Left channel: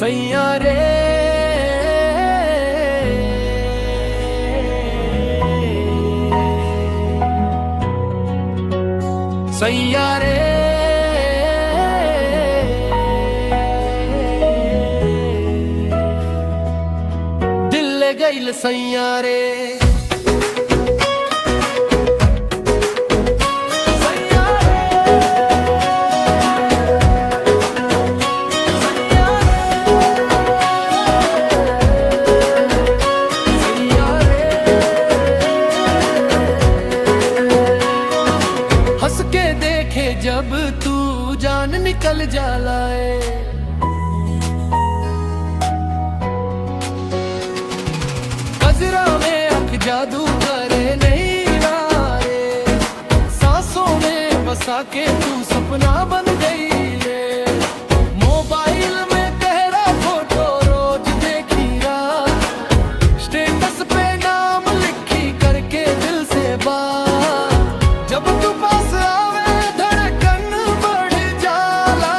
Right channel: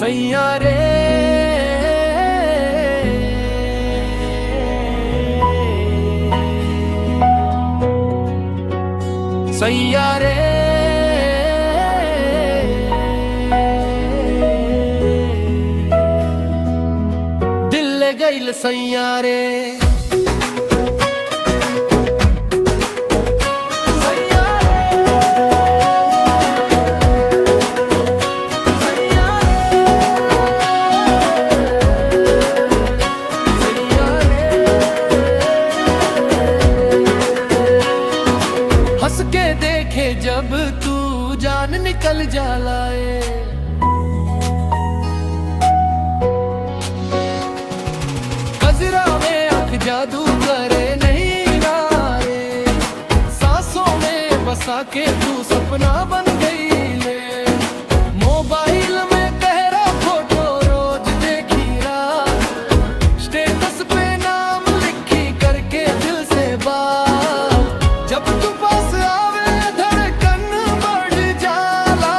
सैया रे सैया रे दिल ले गईल सैया रे हंस के देखे जब तू जान निकल जालाए गजरा में आँख जादू करे नहीं नारे सांसों में बसा के तू सपना बन गई ले मोबाइल में तेरा फोटो रोज देखी रात स्टेटस पे नाम लिखी करके दिल से बात जब तू पास आवे धड़कन बढ़ जाला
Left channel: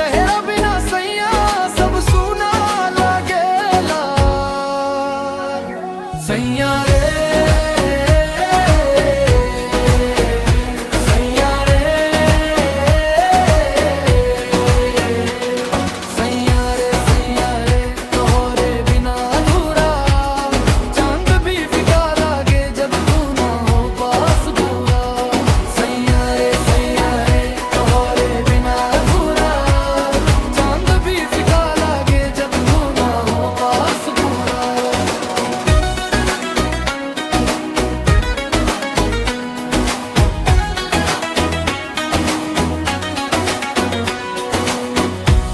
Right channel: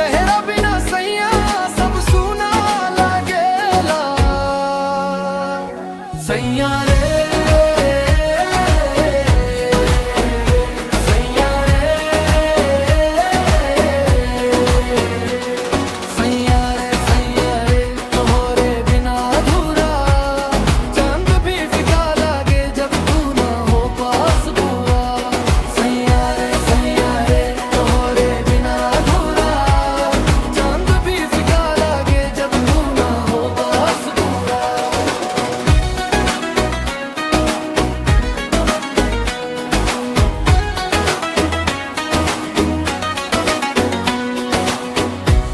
तेरा बिना सैया सब सुना लागेला सैया रे सैया रे सैया रे सैया रे तोहरे बिना अधूरा चांद भी फिका लागे जब तू ना हो पास पूरा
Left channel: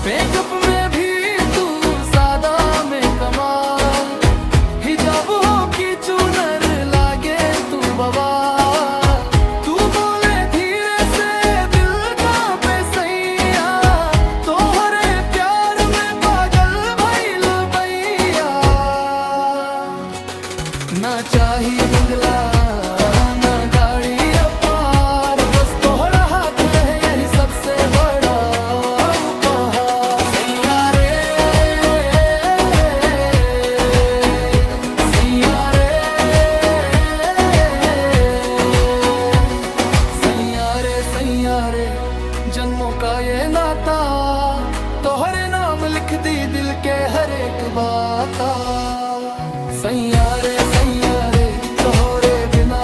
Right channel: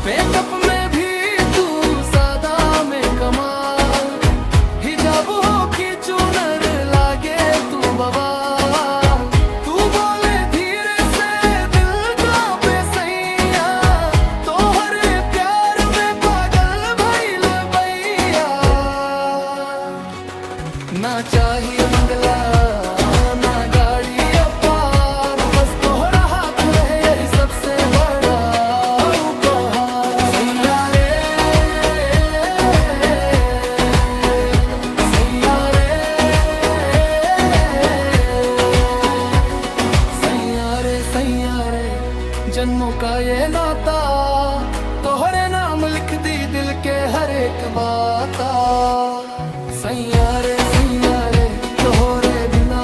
मेकअप में भी तू सादा में कमाल हिजाब हो कि चूनर लागे तू बवाल तू बोले धीरे से दिल का पे सैया तोहरे प्यार में पागल भइल भैया ना चाहिए बंगला ना गाड़ी अपार बस तोहरा हाथ रहे यही सबसे बड़ा सैया रे जन्मों का ये नाता तोहरे नाम लिख दी दिल के हर एक बाता सैया रे तोहरे बिना